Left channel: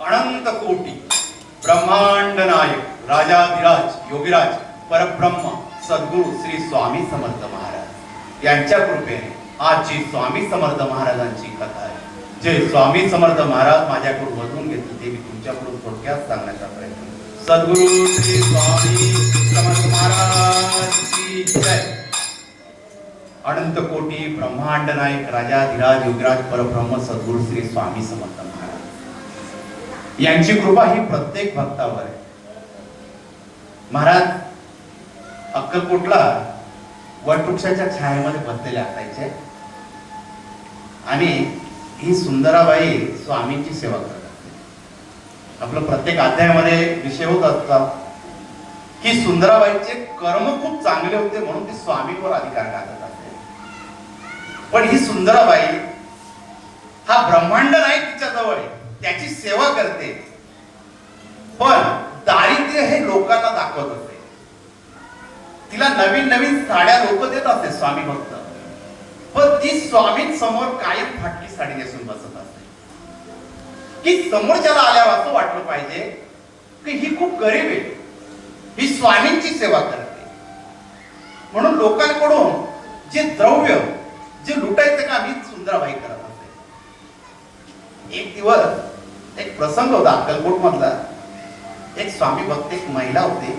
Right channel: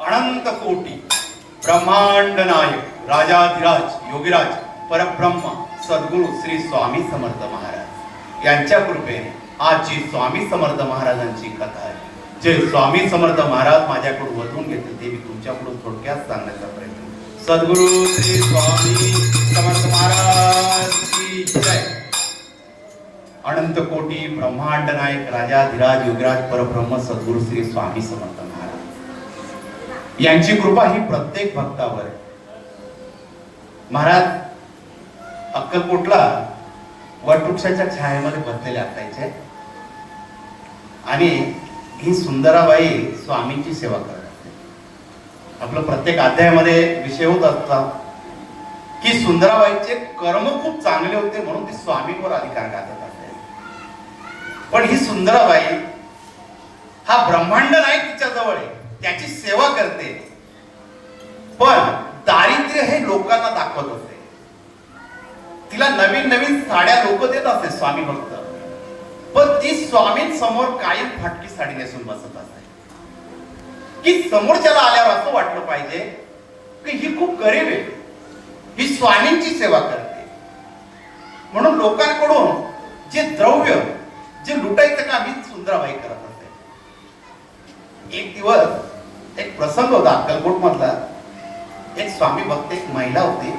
अनंत कोटी ब्रह्मांड नायक राजा योगीराज परब्रह्म सद्गुरु श्री स्वामी समर्थ महाराज. यांच्या कृपेने आजची स्वामी समर्थ महाराजांची कथा आहे. जे स्वामी समर्थ महाराज माझ्याकडून वधून घेतलं ते मी तुमच्याकडून थोडक्यात सांगण्याचा प्रयत्न सद्गुरु श्री स्वामी समर्थ महाराज की जय. अनंत कोटी ब्रह्मांड नायक राजाधिराज युगराज परब्रह्म सद्गुरु श्री स्वामी समर्थ महाराज. यांची कृपा ही प्रत्येक भक्तावर आहे. महाराज अक्कलकोटला वटवृक्षाच्या छायेमध्ये बसलेले असायचे. आणि ही सुंदराबाई स्वामींची सेवा करत असते. आपलं प्रत्येक अध्यायामध्ये विषय होत असतात की सुंदराबाईचे कर्म खूप चांगले होते म्हणून ती स्वामींवर अधिकार गाजत असते पण ही सुंदराबाई हा ब्रह्मांड नाही तिच्या जवळ आहे त्याची सेवा करते. पण दारिद्र्य हे लोकांना दाखवत होते. तिला नवीन नवीन साड्या लोक देत असते स्वामी भक्त. पण ती स्वामी समोर कायम फाटली साडी नेसून बसत असते की समोरच्याला आल्यावर असं वाटलं पाहिजे की ही खूप गरीब आहे. ही स्वामींची सेवा करते. म्हणून लोकांकडून जे द्रव्य जे लुटायचं काम ही सुंदराबाई करत असते एक दिवस एक प्रसंग होता अक्कलकोट मधला एक स्वामी भक्त एक महिला होती.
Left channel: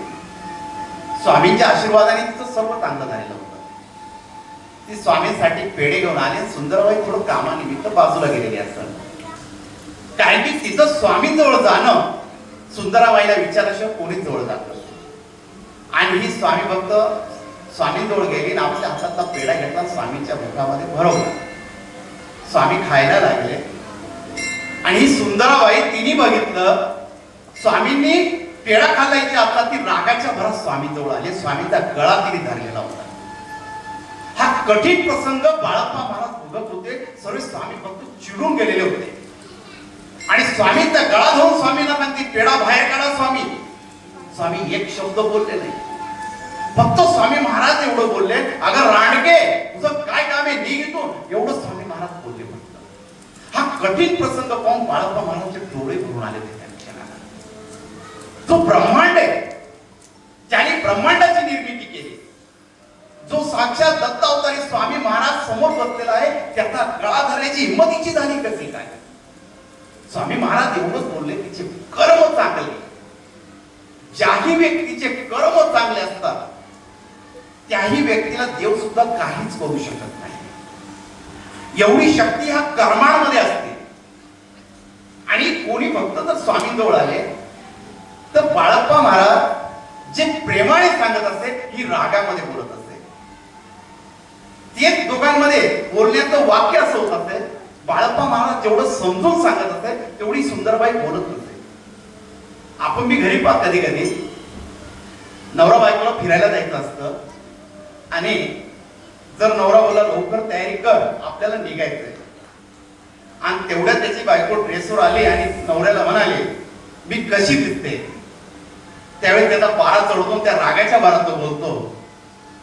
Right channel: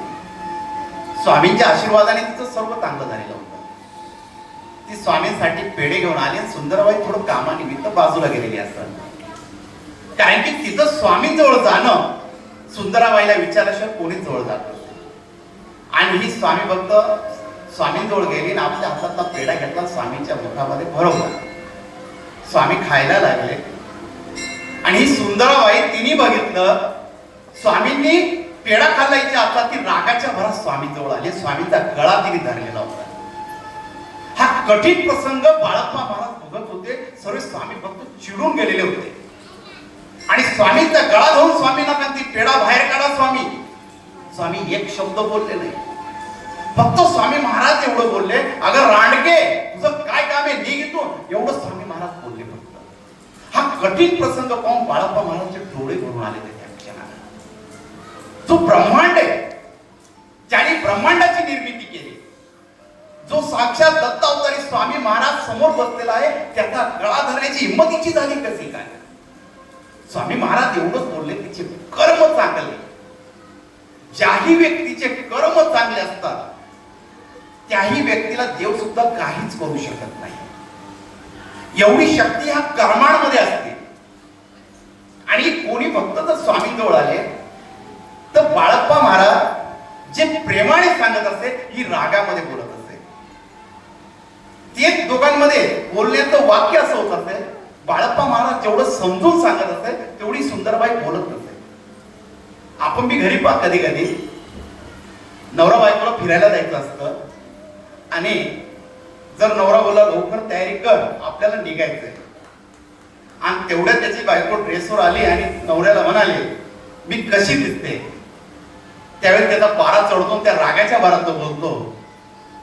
स्वामींच्या आशीर्वादाने तिचं सर्व चांगलं झालेलं होतं. ती स्वामींसाठी पेढे घेऊन आली आणि सुंदरबाई थोडं कामानिमित्त बाजूला गेलेली असतात. कारण की तिचं स्वामींजवळ जाणं सुंदराबाईला विचारल्याशिवाय कोणीच जवळ जात आणि ही स्वामी भक्त स्वामींजवळ गेली आणि आपल्या हातातला पेढा घेतला स्वामींच्या मुखामध्ये भरवला. स्वामी खायला लागले. आणि ही सुंदराबाई तिने बघितलं स्वामींनी पेढा खाल्ला इथे आता ती रागाच्या भरात स्वामीजवळ आले. स्वामींचा गळा तिने धरलेला होता. हा कठीण प्रसंग बाळप्पा महाराज भोगत होते. सर्व स्वामी भक्त चिडून गेलेले होते. आणि स्वामींचा गळा धरून स्वामींना म्हणती पेढा बाहेर काढा स्वामी. स्वामी एक शब्द बोलले नाही. फक्त स्वामी महाराज एवढं बोलले अगं रांडगे तुझं काय काम आहे? निघ इथून. एवढं स्वामी महाराज बोलले फक्त. हा कठीण प्रसंग पाहून बाळप्पा महाराजचे डोळे भरून आले होते. जो ब्रह्मांड आहे ज्याने ब्रह्मांडाची निर्मिती केली जो साक्षात दत्त अवतारी स्वामी महाराज समोर बसलेला आहे त्याचा गळा धरण्याची हिंमतीची झाली कशी काय? स्वामी महाराज एवढंच बोलले तिचे कर्म चांगले. ज्याही व्यक्तीचे कर्म चांगले असतात त्याही व्यक्तीला देव सुद्धा काहीच करू शकत नाही. एवढी शक्ती ह्या कर्मांमध्ये असते. आणि कोणी भक्त जर स्वामींजवळ आले तर बाळप्पा महाराज जे प्रेमाने सांगत असे ही रागामध्ये बोलत असे तेच दोघांमध्ये बोलण्याचं वाक्य असं होत असेल बाळप्पा महाराज जेवढं समजून सांगत असे तेवढी सुंदरबाई बोलत नसे आपण मी घरी पाहत कधी कधी नवरा बायकोला फिरायला जायचं असतं आणि जर नवरा बोला लवकर तयारी कर आपल्याला निघायचंय. आणि तेवढ्या त्याची बायको ड्रेसवर आली आणि नवऱ्याला म्हणाले मी कशी दिसते त्यावेळी त्याचा पारा चढतो त्या रागाच्या भारात तो बोलतो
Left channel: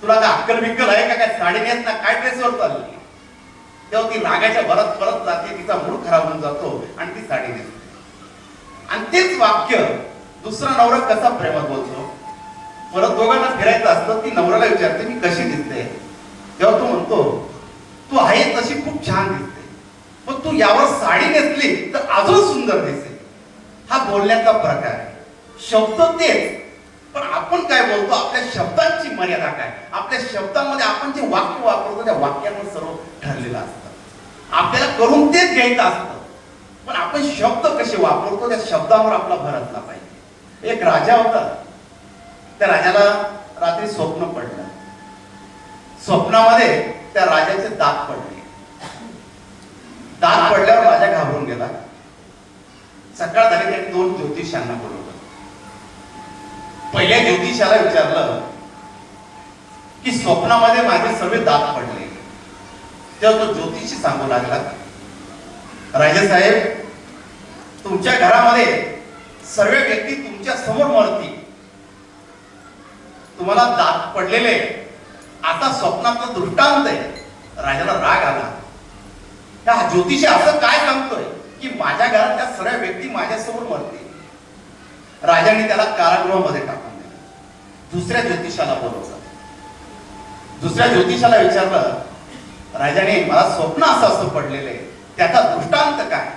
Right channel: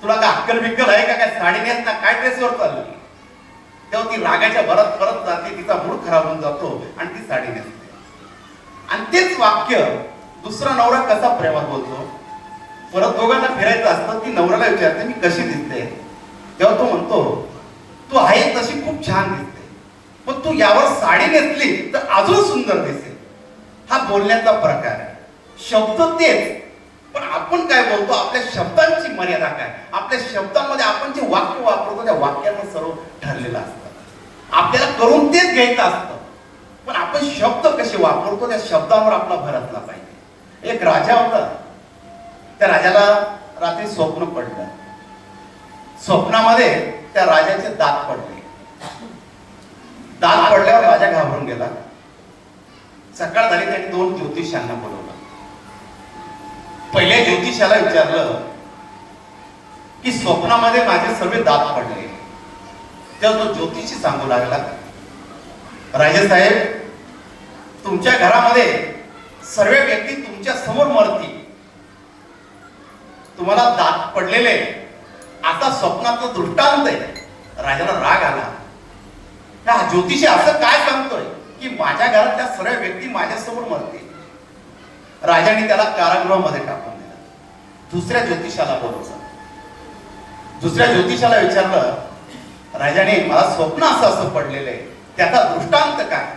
तुला का अक्कल बिक्कल आहे का? काय साडी नेस ना काय ड्रेसवर चालली? तेव्हा ती रागाच्या भरात परत जाते तिचा मूड खराब होऊन जातो आणि ती साडी नेसते आणि तेच वाक्य दुसरा नवरा कसा प्रेमात बोलतो? परत दोघांना फिरायचं असतं ती नवऱ्याला विचारते मी कशी दिसते? तेव्हा तो म्हणतो तू आहे तशी खूप छान दिसते. पण तू यावर साडी नेसली तर अजून सुंदर दिसेल. हा बोलण्याचा प्रकार आहे. शब्द तेच. पण आपण काय बोलतो? आपल्या शब्दांची मर्यादा काय? आपल्या शब्दामध्ये आपण जे वाक्य वापरतो त्या वाक्याचं सर्व ठरलेलं असतं. आपल्याला करून तेच घ्यायचं असतं. पण आपण शब्द कसे वापरतो त्या शब्दावर आपला भर असला पाहिजे. एक राजा होता. त्या राजाला रात्री स्वप्न पडलं. स्वप्नामध्ये त्या राजाचे दात पडले. दात पडल्यावर राजा घाबरून गेला. सकाळ झाली त्यांनी दोन ज्योतिषांना बोलवलं. पहिल्या ज्योतिषाला विचारलं की स्वप्नामध्ये माझे सर्व दात पडले. तेव्हा तो ज्योतिषी सांगू लागला राजेसाहेब तुमच्या घरामध्ये सर्व व्यक्ती तुमच्यासमोर मरतील. तुम्हाला दात पडलेले आता स्वप्नाचं दृष्टांत आहे. राजाला राग आला. का ज्योतिषी असं काय सांगतोय की माझ्या घरात त्या सर्व व्यक्ती माझ्यासमोर मरतील? राजाने त्याला कारागृहामध्ये टाकून दुसऱ्या ज्योतिषाला बोलवलं. दुसऱ्या ज्योतिषाला विचारलं राजाने मला स्वप्न असं असं पडलेलं आहे त्याचा दृष्टांत काय?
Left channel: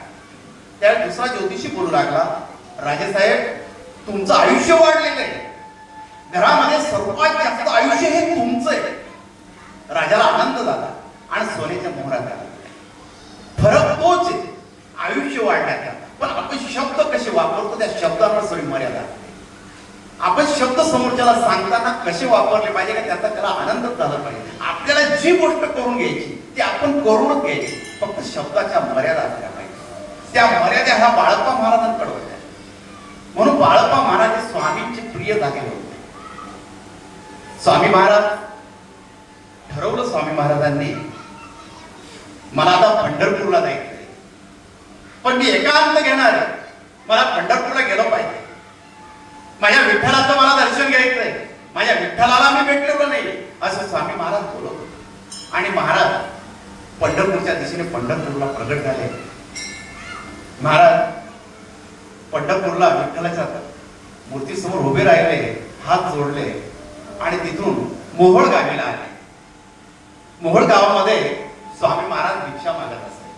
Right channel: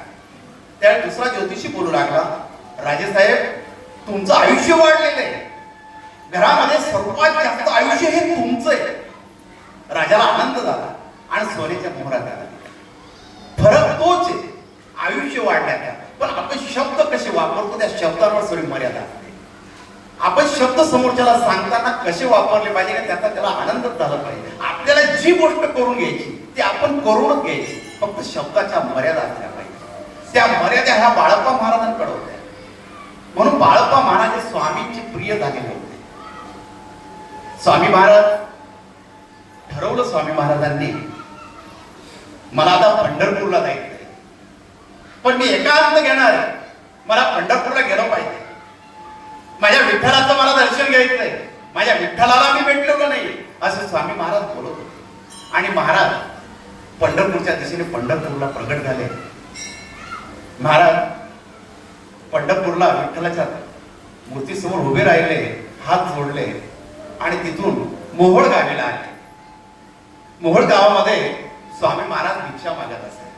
त्या दुसरा ज्योतिषी बोलू लागला राजेसाहेब तुमचं आयुष्य वाढलेलं आहे घरामध्ये सर्वात जास्त आयुष्य हे तुमचं आहे राजाला आनंद झाला आणि सोन्याच्या मोहरात आला. फरक तोच आहे आयुष्य वाढण्याचा पण आपण शब्द कसे वापरतो त्या शब्दावर सोयी मर्यादा असते आपण शब्द समोरच्याला सांगताना कसे वापरले पाहिजे का त्याचा त्याला आनंद झाला पाहिजे. आपल्याला जी गोष्ट करून घ्यायची ती आपण करूनच घ्यायची. फक्त शब्दाच्या मर्यादा असल्या पाहिजे. त्या मर्यादा ह्या बाळप्पा महाराजांकडे होत्या. म्हणून बाळप्पा महाराज हे स्वामींचे प्रिय झालेले होते. स्वामी महाराज ठरवलं स्वामी महाराजांनी मला आता पंढरपूरला जायचंय. पण मी एकांत घेणार. मला पंढरपूरला गेलं पाहिजे. माझ्या विठ्ठलाचं मला दर्शन घ्यायचं नाही. माझ्या विठ्ठलाला मी भेटलेलो नाही? असं स्वामी महाराज बोलत होते. आणि महाराज पंढरपूरच्या दिशेने पंढरपूरला प्रगट झाले. महाराज पंढरपूरला विठ्ठलाच्या मूर्तीसमोर उभे राहिले हात जोडले आणि तिथून मोहोळ गावीला आले. मोहोळ गावामध्ये स्वामी महाराज भिक्षा मागत असे.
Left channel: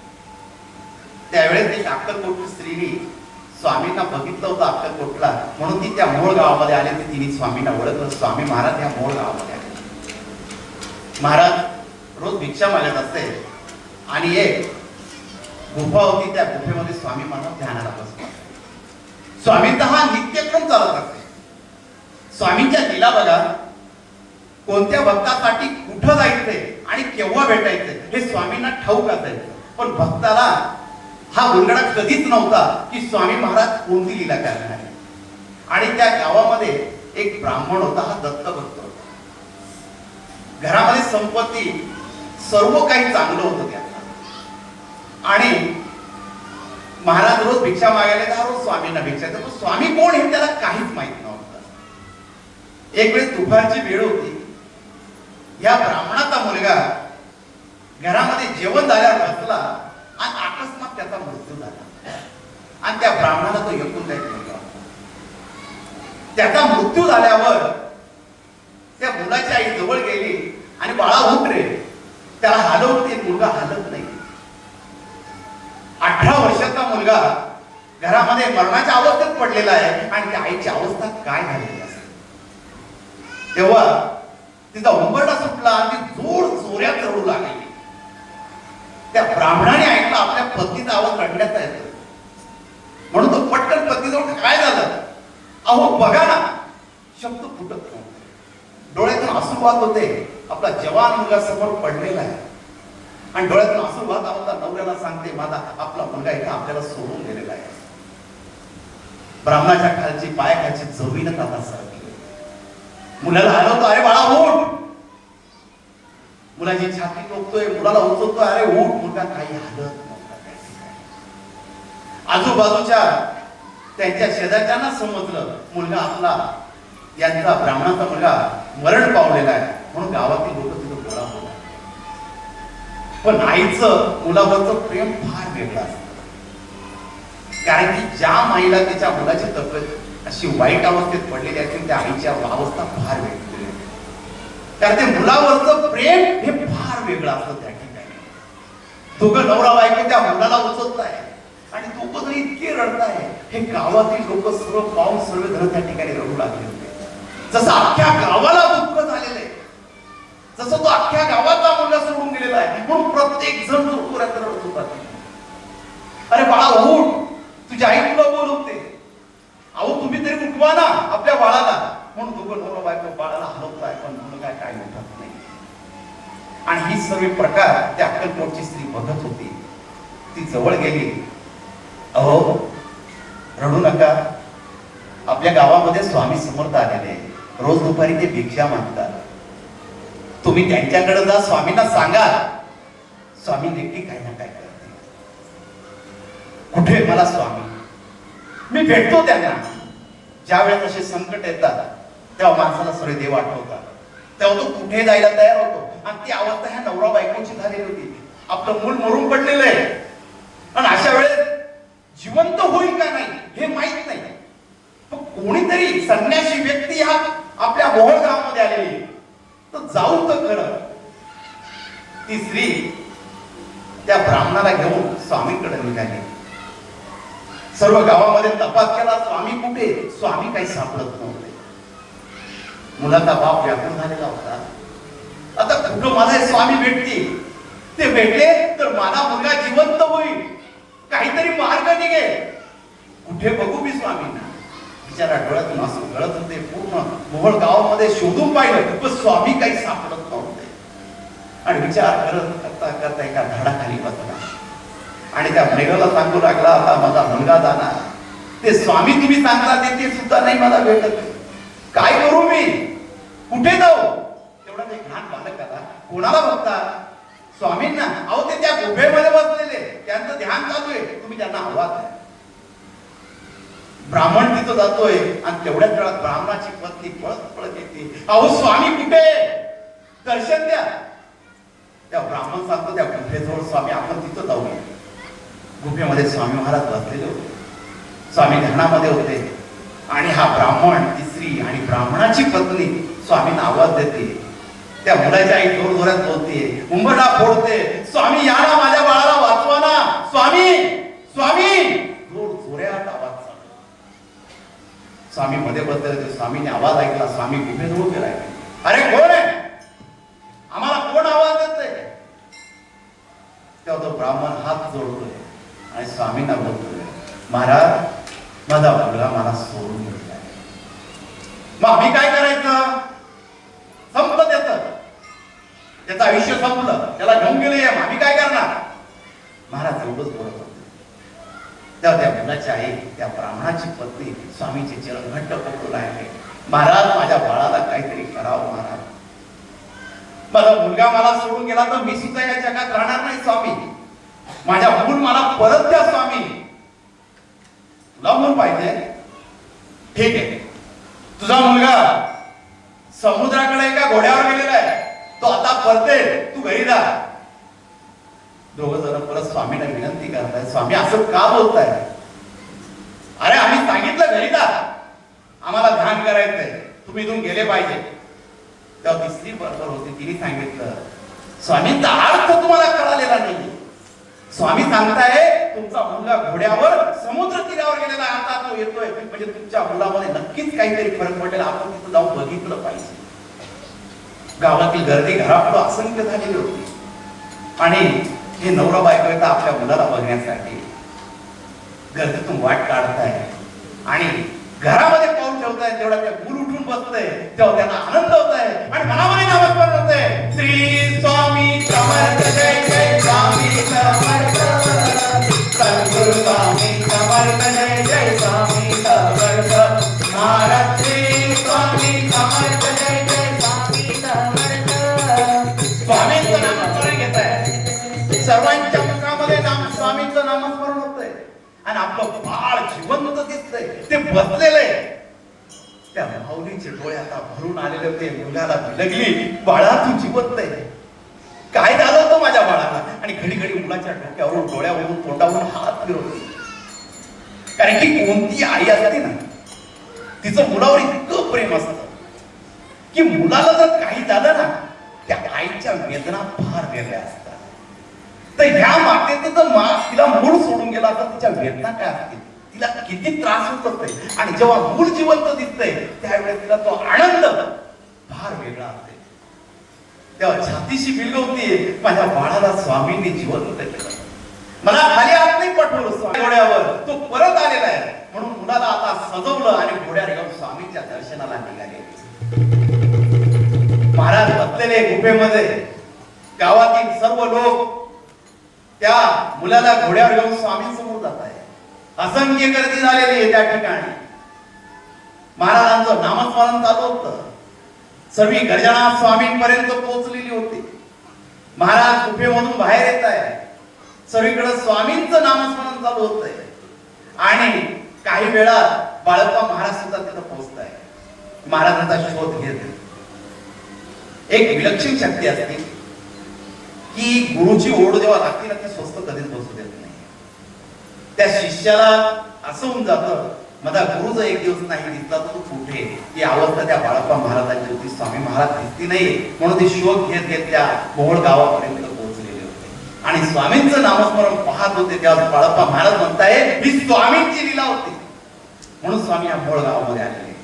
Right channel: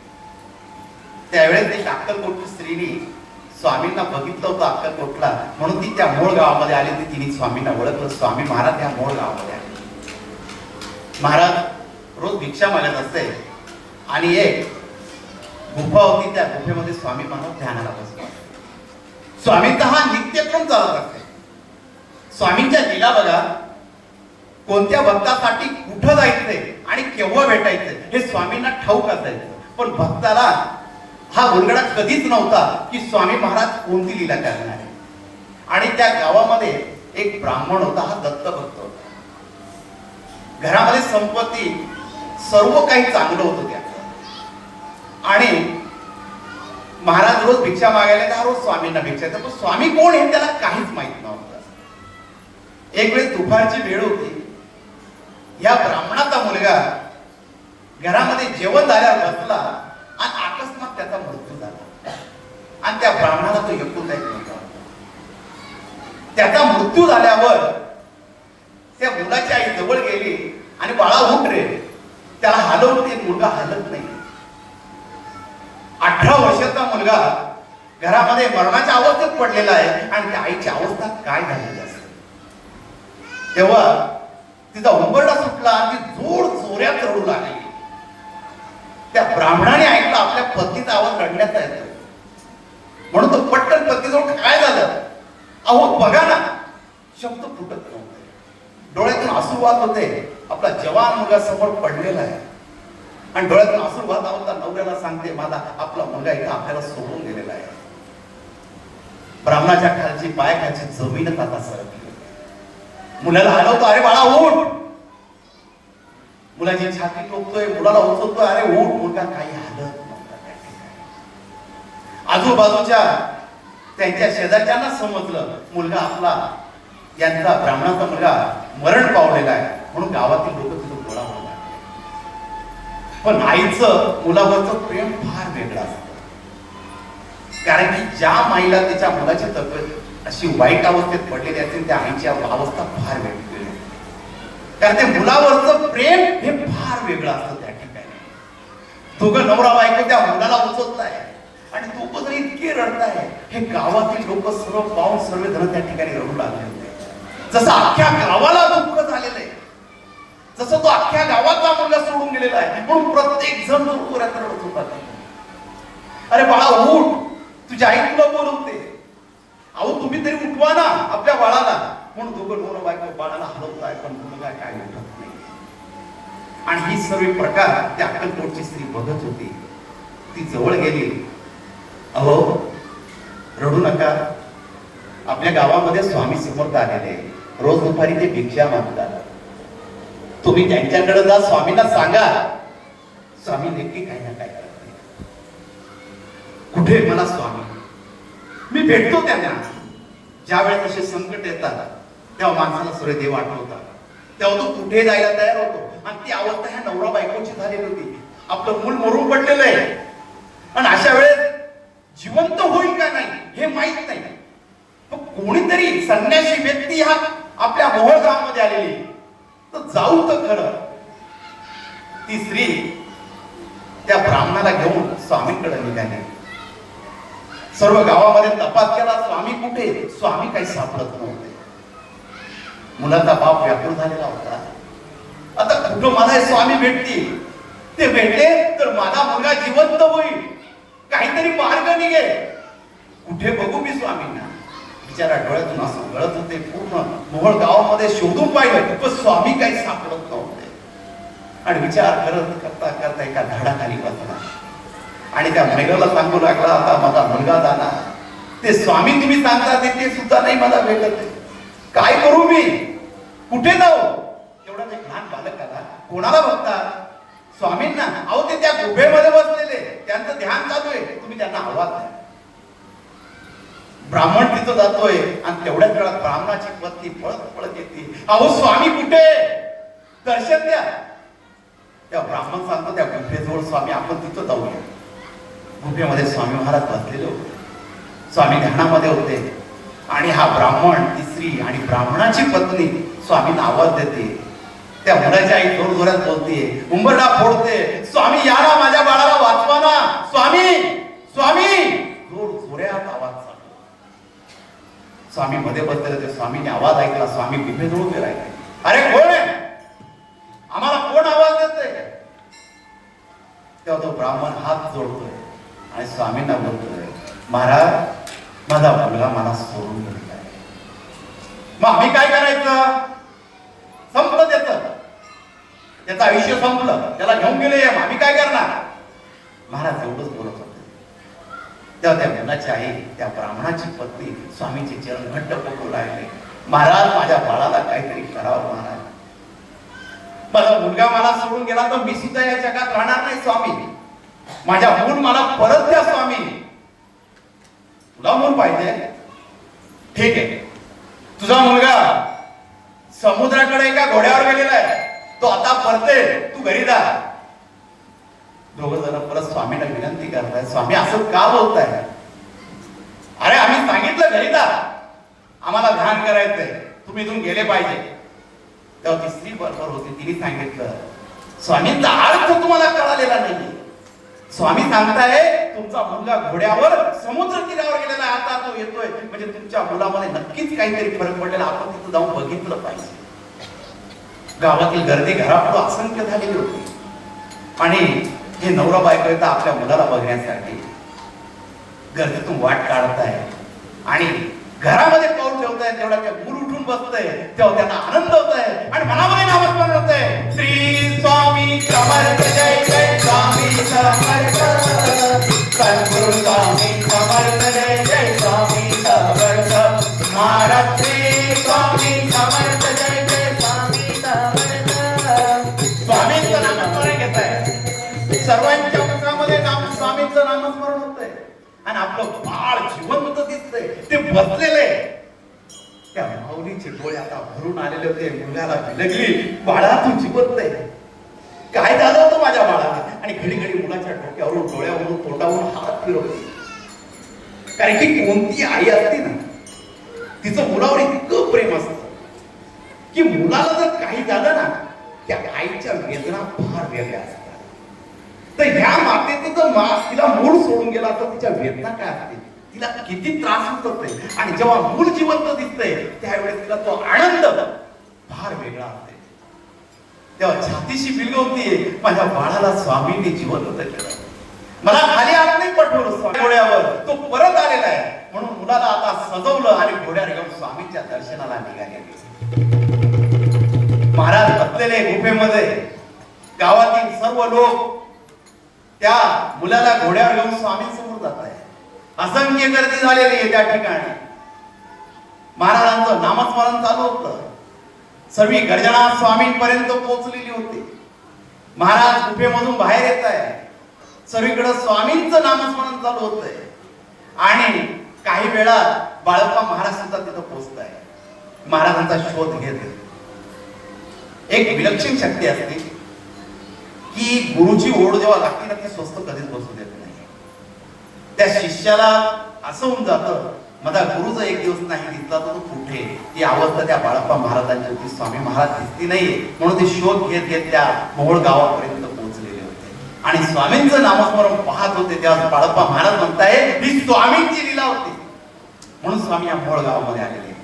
त्यावेळेस एक अक्कलकोटची स्त्रीने स्वामींना बघितलं होतं अक्कलकोटला म्हणून ती त्या मूळ गावामध्ये आली. ती तिने स्वामींना ओळखलं. स्वामी महाराज या मूळ गावामध्ये आले. महाराज रोज भिक्षा मागत असते. आणि एक गुफा होती. त्या गुफेमध्ये स्वामी महाराज ध्यानाला बसले स्वामींचा हा नित्यक्रम चालत असते. स्वामींच्या लिला बघा. कोणत्या भक्तासाठी कुठं जायचंय आणि केव्हा भेटायचंय हे स्वामींना ठाऊक असायचं. पण भक्ताला हा गुणगडा कधीच नव्हता की स्वामी महाराज कोणती लीला करणार आहे आणि त्या गावामध्ये एक ब्राह्मण होता हा दत्त भक्त होता. घरामध्ये संपत्ती सर्व काही चांगलं होतं त्या. आणि महाराज रोज भिक्षा मागायला तर रोज स्वामींना भिक्षा देतो पण स्वामी कोण हे त्याला काहीच माहीत नव्हतं. एक वेळ दुपारची वेळ होती. या ब्राह्मणाचा मुलगा घरामध्ये जेवण झाल्यावर बसला आणि अकस्मात त्याचा मृत्यू झाला आणि त्या ब्राह्मणाला तो एकूण एक मुलगा त्याचा मृत्यू झाल्यावर त्या मुलाची आई जवळ गेली आणि बाळा उठ रे त्याला हलवते मुलगा हलत नाही. अठरा वर्षाचा मुलगा घरामध्ये मरणाच्या अवस्थेत पडलेला आहे आणि त्या आईची अवस्था काय झालेली असेल तेव्हा तिचा उंबरडा सुटला आणि जोर जोऱ्यात रडू लागली. त्या ब्राह्मणाने ऐकलं आपल्या पत्नीचा आवाज रडण्याचा येतो म्हणून तो पत्नीजवळ काय झालं? अहो बघा ना. शब्द फुटत नव्हते. डोळ्यातून आसू वाहत होते. आपला जवान मुलगा समोर पडलेला आहे. आणि डोळ्यातून आसू वाहत होता नवऱ्याला सांगते माझा आपला मुलगा इथे आपल्याला सोडून गेलेला आहे. ब्राह्मणाच्या खालची पाय खालची जमीनच आता सरकली मुलाला हलवतो अरे बाळा उठ. मुलाची छाती टोकतोय मुलाला उचलतोय अरे उठ मुलगा काही हलत नव्हता आजूबाजूच्या त्यांच्या शेजारच्यांना समजलं मुलगा आपला यांचा ब्राह्मणाचा मुलगा मरण पावलेला आहे. म्हणून गावातील लोक तिथं गोळा होत पण आईचं मुलावरचं प्रेम फार वेगळं असतं. कारण की ज्या माईला तिच्या मुलाची तब्येत अशी वाईट अवस्थेत पडलेली असते त्या आईची अवस्था फार वेगळी कारण ते मुलावरचं प्रेम हे फार वेगळं असतं त्या ठिकाणी. दोघं नवरा बायको त्या मुलाला उचलताय आणि दोघं इतके रडताय. हे गावातील लोक सर्व पाहून सर्व जण त्या ठिकाणी रडू लागले होते. जसं अख्ख्या गावाला दुःख झालेलं आहे जसं तो अख्ख्या गावाचा मुलगा सोडून गेलेला आहे म्हणून प्रत्येक जण तो पुरात रडत होता अरे बाळा उठ. तुझ्या आई तुला बोलवते. अहो तुम्ही तरी उठवा ना आपल्या बाळाला. म्हणून दोघं नवरा बायको बाळाला हलवताय पण मुलगा काय उठत नाही. आणि ही सर्व प्रकार त्या अक्कलकोटची स्त्री बघत होती. ती जवळ गेली. अहो रडू नका. आपल्या गावामध्ये स्वामी समर्थ आलेले रोज दुपारी ते भिक्षा मागतात. तुम्ही त्यांच्याकडे जा स्वामींना सांगा. स्वामी नेमकी काय ना काय करते कुठे मला स्वामी? मी भेटतो त्यांना. ज्या वेळेस असे संकट येतात तेव्हा माणसाला सर्व देव आठवतात. तेव्हा तो कुठे जायला तयार होतो? आणि ती अवस्था ह्या नवरा बायकोची झालेली होती. आपलं मूल मरून पडलेलं आहे. आणि अशा वेळेस जिवंत होईल का नाही हे माहीत नाही. मग कोणीतरी संन्यासी व्यक्ती हा आपल्या मोहळ गावामध्ये आलेली तर जाऊ तर खरं. ती स्त्री त्या ब्राह्मणाला घेऊन स्वामींकडे निघाली. सर्व गावामध्ये तपास केला स्वामी कुठे? स्वामी काही सापडत नव्हते. मुलाचा बाप व्याकुळ झालेला होता. आता कुठं मला स्वामी भेटतील? ते भेटले तर माझा मुलगा जिवंत होईल. काहीतरी मार्ग निघेल कुठे बघू मी स्वामींना? बिचारा गळत मास गळत होते. पूर्ण मोहळ गावामध्ये शोधून पाहिलं पण स्वामी काही सापडत नव्हते. आणि विचार करत करता करता एका झाडाखाली बसला. आणि त्या महिलेला सांगू लागला आता माझा मुलगा जाणार ते स्वामी तुम्ही सांगता ते ते सुद्धा नाही मला भेटत. काय करू मी? कुठे जाऊ? तेवढा एक लहान बालकाला कोणाला बघता? स्वामींना अहो ते त्या गुफेमध्ये बसलेले. त्यांचं ध्यान चालू आहे. तुम्ही त्यांना आवाज द्या. ब्राह्मण तिथं जातोय आणि तेवढ्याच वेळात ब्राह्मणाची पत्नी पळत पळत येते. अहो स्वामी कुठे? दर्शन द्या. त्या ब्राह्मण सांगतो त्या गुफेजवळ स्वामी आपण तिथं जाऊया. गुफेमध्ये स्वामी महाराज बसलेले होते. स्वामी ध्यानामध्ये होते. आणि हा ब्राह्मण ती स्त्री आणि ब्राह्मणाची पत्नी स्वामींना आवाज देते. त्या मुलाच्या आई थोड जोरात बोलते उंबरडा फोडते. स्वामी या ना माझ्या बाळाला वाचवा ना. स्वामी स्वामी. जोर जोऱ्यात आवाज स्वामी मध्ये बसले स्वामीने आवाज ऐकला. स्वामी गुफेजवळ उभे राहिले अरे कोण आहे? आम्हाला कोण आवाज देते तेव्हा तो ब्राह्मण हात जोडतोय आणि स्वामींना बोलतोय महाराज माझा मुलगा मला सोडून गेलेला आहे. मग आम्ही काय करायचं? संपत त्याचं आयुष्य संपलं. त्याला घेऊन गेले आम्ही काय करणार? महाराज एवढंच बोलत होते. तेव्हा त्या मुलाची आई त्या ब्राह्मणाची पत्नी स्वामीचे चरण घट्ट पकडू लागले. महाराज माझ्या बाळाला काहीतरी करावं महाराज. माझा मुलगा मला सोडून गेला तर मी सुद्धा या जगात राहणार नाही स्वामी. माझ्या मूल मला परत द्या स्वामी. तुला मूल पाहिजे. ठीक आहे. तुझा मुलगा समुद्राकडे एका घोड्यावर गेलेला आहे. तो आता परते तू घरी जा. दोघं जण परत स्वामीला विनंती करताय स्वामी असं का बोलताय? अरे आम्ही सांगितलं घरी जा. आम्हाला ध्यान करायचंय. तुम्ही इथून गेले पाहिजे. तेव्हा तिसरी बरोबर होती तिने सांगितलं स्वामींचा अर्थ तुम्हाला कळालेला नाही. स्वामी सांगताय तुमचा मुलगा घोड्यावर समुद्र तीरावर गेलेला आता तो येतोय. म्हणजे तुमच्या मुलामध्ये नक्कीच काहीतरी फरक पडलेला आपण तिथं जाऊन बघितलं पाहिजे. गावातील गर्दी घरापुढं असंख्य झालेली होती. आणि हे नवरा बायको आपल्या मुलाला बघण्यासाठी गर्दीतून वाट काढताय आणि घरामध्ये पाऊल ठेवताय तेवढा त्या मूल उठून बसतंय तेव्हा त्यांना आनंद होत आहे. आणि मनामध्ये पण होत आहे. आपलं बाळ जिवंत दिसतंय ते बसलेलं आहे. त्या माऊलीचे डोळे आता भरून आलेले होते मुलाला लगली बाळा तू जिवंत आहे. काय झालं होतं माझ्या बाळाला? आणि घडी घडी मुलाच्या डोक्यावरून डोळ्यावरून तोंडावरून हात फिरवते कारण की कोणती आई असते ना तिचं मुलावर इतकं प्रेम असतं की मुलाला जर काही झालं ना त्या आईच्या वेदना फार वेगळ्या असतात. तर ह्या मातेचे मा तिला मूळ सोडून गेला तर तिच्या वेदना काय असतील? तिला किती त्रास होत असतोय. आणि जेव्हा मूळ जिवंत दिसतंय त्यावेळेस तिला तो आनंद फार वेगळा असते. तेव्हा छातीशी बिलगवतीये माझ्या बाळाला स्वामींनी जिवंत केलं. मला खाली आत नाही पाठवलं स्वामी घोड्यावर तो परत आलेला आहे. म्हणून मुलाला आता सजवलं आणि घोड्यावर घेऊन स्वामींच्या दर्शनाला निघाले. महाराज बसलेले गुफेमध्ये. गावातील सर्व लोक त्या मुलाला घोड्यावर घेऊन स्वामींसमोर जात आहे असंख्य गर्दी झालेली आहे त्या ठिकाणी. महाराजांचं नामस्मरण चालू होत. सगळी गर्जना स्वामींपर्यंत पोहोचलेली होती. महाराज गुफेमधून बाहेर येत आहे सगळीकडे स्वामींचं नामस्मरण चालू होत आहे आणि काही वेळा बाळप्पा महाराज सुद्धा तिथं पोहोचत आहे महाराजांचा शोध घेत एक विलक्षण शक्ती असते. की गुरुची ओढ जेव्हा लागते ना ती स्वस्त कधीच बसू देत नाही. त्या शिष्याला असं होऊन जातं माझा गुरुचा एक दिवस नाही दिसला तर तो कुठे? ती अवस्था त्या बाळप्पा महाराजांची होती स्वामी महाराज दिसती नाही म्हणून ते शोध घेत घेत त्या मोहोळ गावापर्यंत पोहोचलेले होते. आणि स्वामींचं नामस्मरण पाहत होते तेव्हा बाळप्पा महाराज म्हणताय ही स्वामींची लीला होती. म्हणून स्वामी या मोहोळ गावामध्ये आलेले.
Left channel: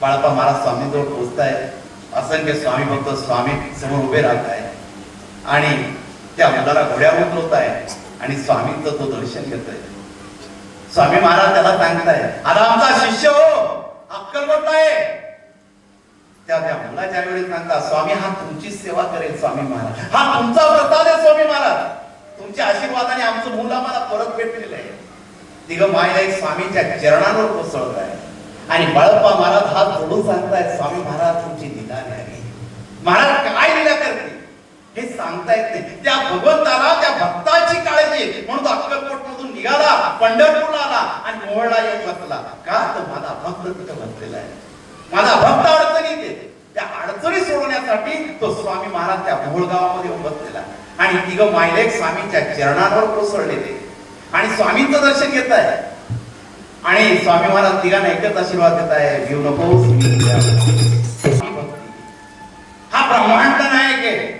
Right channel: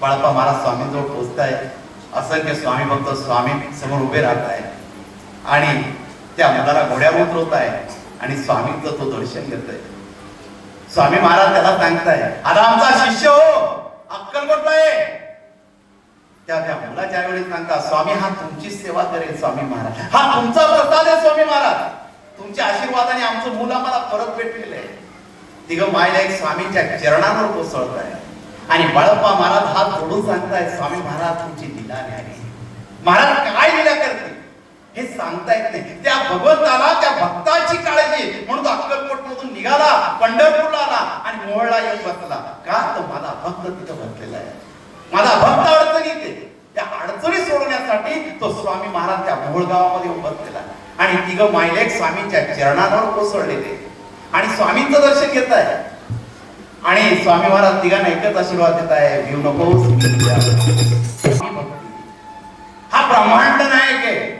बाळप्पा महाराज स्वामींजवळ पोहोचताय. असंख्य स्वामी भक्त स्वामी समोर उभे राहत आहेत आणि त्या आमदारा घोड्यावर उतरवत आहे आणि स्वामींचं तो दर्शन घेतोय. स्वामी महाराज त्याला सांगताय आता आमचा शिष्य हो अक्कल आहे? त्या त्या महिला ज्या वेळेस सांगता स्वामी हा तुमची सेवा करेल स्वामी महाराज. हा तुमचा प्रसाद आहे स्वामी महाराज. तुमच्या आशीर्वादाने आमचं मूल आम्हाला परत भेटलेलं आहे. तिघं मायला एक स्वामींच्या चरणांवर कोसळत आहे आणि बाळप्पा महाराज हा थोडून सांगताय स्वामी महाराज तुमची निदान आहे. महाराज काय लीला करते हे सांगता येत नाही. त्या भगवंताला त्या भक्ताची काळजी म्हणून तो अक्कलकोट मधून निघाला पंढरपूरला आला आणि मोहळला येऊन बसला. का तर माझा भक्त तिथं बसलेला आहे. माझा भक्त अडचणीत येते त्या अडचणी सोडवण्यासाठी तो स्वामी महाराज त्या मोहोळ गावामध्ये येऊन बसलेला आणि तिघं मायलेक स्वामींच्या चरणावर कोसळलेले आणि स्वामींचं दर्शन घेत आहे. आणि स्वामी महाराज तिघांना एकच आशीर्वाद देत आहे. जीव नको मी तुझ्या. स्वामी भक्ती हा ब्रह्मांड नायक आहे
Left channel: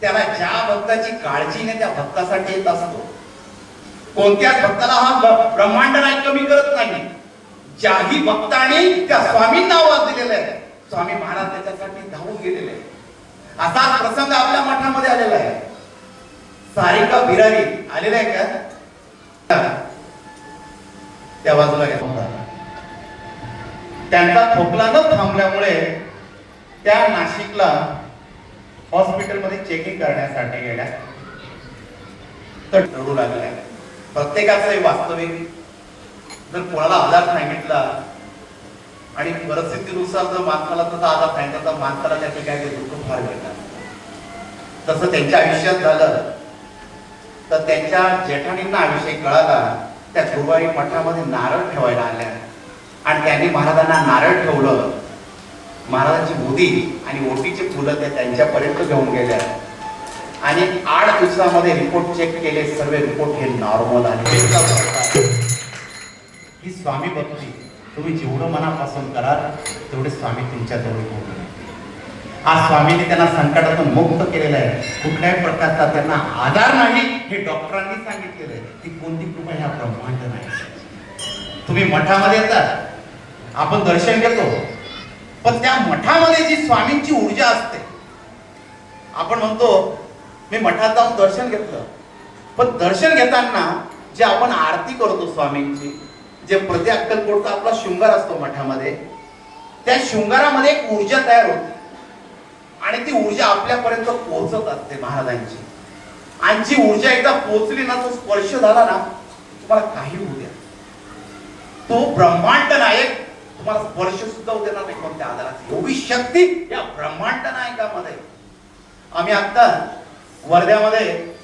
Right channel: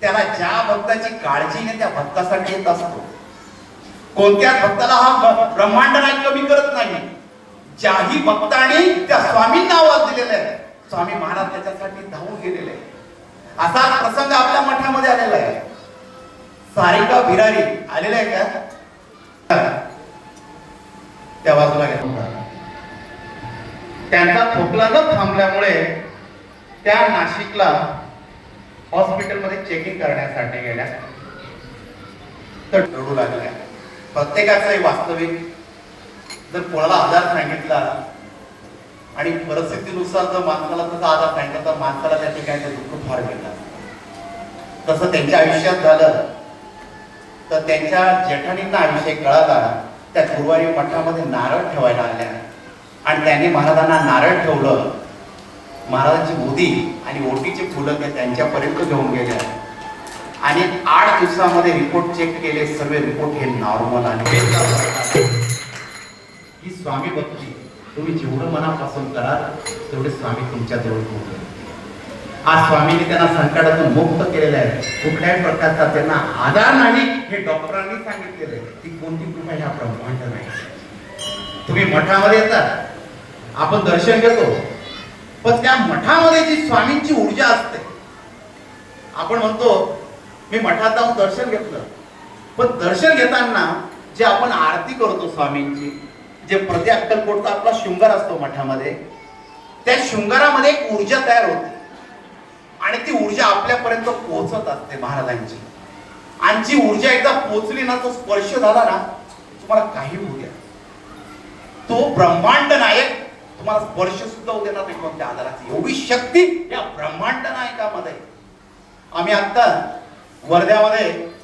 त्याला ज्या भक्ताची काळजीने त्या भक्तासाठी येत असतो. कोणत्या भक्ताला हा ब्रह्मांड नाही कमी करत नाही? ज्याही भक्ताने त्या स्वामींना आवाज दिलेला आहे. स्वामी महाराज त्याच्यासाठी धावून गेलेले आहे असा प्रसंग आपल्या मठामध्ये आलेला आहे. सारिका भिरारी आलेला आहे का? त्या बाजूला गेला त्यांचा खोकला न थांबल्यामुळे त्या नाशिकला हॉस्पिटलमध्ये चेकिंग करण्यासाठी गेल्या. तर रडू लागल्या. प्रत्येकाचं हे वास्तविक. जर कोणाला आजार सांगितला आणि परिस्थितीनुसार जर माणसाला तसा आजार सांगितला तर माणसाला त्या ठिकाणी दुःख फार घेतात तसं त्यांच्या आयुष्यात झालं तर त्यांच्या जेठाणींना हा विषय कळाला त्या गुरुवारी मठामध्ये नारळ ठेवायला आल्या. आणि त्याने महाराजांना नारळ ठेवलं. महाराजांची मुदी आणि ओटीचे फुलं ते त्यांच्यापर्यंत घेऊन गेल्या आणि आठ दिवसामध्ये रिपोर्ट चेक केले सर्व रिपोर्ट हे नॉर्मल आले ही स्वामी भक्ती तुम्ही जेवढं मनापासून कराल तेवढे स्वामी तुमच्या जवळ पोहोचतील. आज स्वामीने त्यांना संकटातून मुक्त केलेलं आहे. कुठल्याही प्रकारचा त्यांना आधार नाही हे डॉक्टरांनी सांगितलेलं आहे. ती कोणती कृपा ह्या ब्रह्मांड नाही. तुम्ही मठामध्ये येतात आपण दर्शन घेतो. पण त्या मठामध्ये जी स्वामींची ऊर्जा असते आपण म्हणतो मी मठात जाऊन दर्शन घेतलं. पण दर्शन घेताना जे आपण आरती करतो स्वामींची जे प्रति अक्कलकोटचा आपला शृंगार असतो मठामध्ये त्या शृंगारामध्ये एक ऊर्जा तयार होते. आणि ती ऊर्जा आपल्यापर्यंत पोहोचत असते महाराजांची. आणि जी ऊर्जा एकदा पोहोचली ना तो स्पर्श झाला ना तुम्हाला काही होऊ द्या. तो ब्रह्मांड नायक तुम्हाला स्पर्श सुद्धा होऊ देणार नाही कोणत्या आधाराची. एवढी शक्ती या ब्रह्मांड नायकामध्ये. आम्ही आता वर्ध्यामध्ये